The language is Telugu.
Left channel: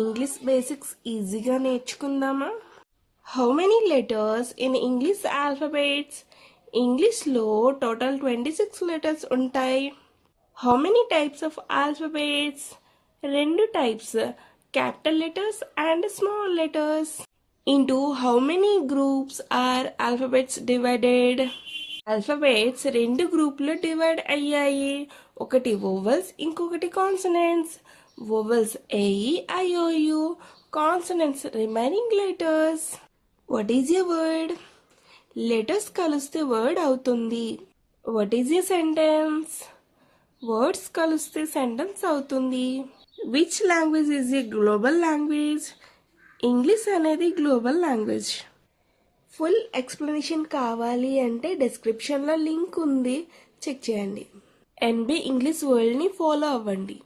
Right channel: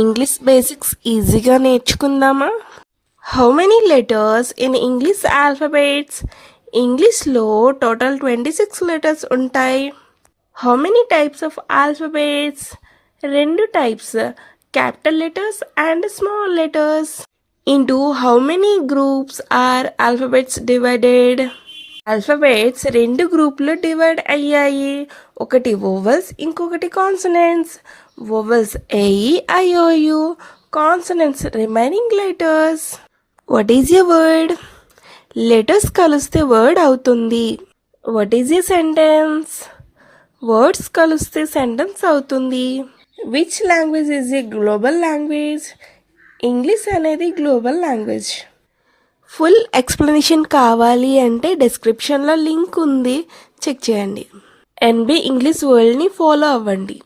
ఇంగ్లీష్ బేసిక్స్ ఈజీగా నేర్చుకుందామా? How many letters in English alphabets? ఇంగ్లీష్లో టోటల్ 26 లెటర్స్ ఉంటాయి. How many types of alphabets? 2 types, capital letters and small letters. Into how many groups are alphabets divided? Alphabets 2 గ్రూపులు డివైడ్ అయ్యాయి. ఒకటి వోవెల్స్, ఇంకొకటి consonants. Vowels AEIOU, consonants remaining letters. What is a word? Letters కలిస్తే వర్డ్ అవుతుంది. What is a sentence? Words కలిస్తే సెంటెన్స్ అవుతుంది. Which language is a global language? English అనేది గ్లోబల్ లాంగ్వేజ్. ఫుల్ ఎక్స్ప్లెనేషన్ కావాలి అంటే డిస్క్రిప్షన్లో లింక్ ఉంది, చెక్ చేయండి. NB ఇంగ్లీష్ వరల్డ్ని ఫాలో అవ్వండి.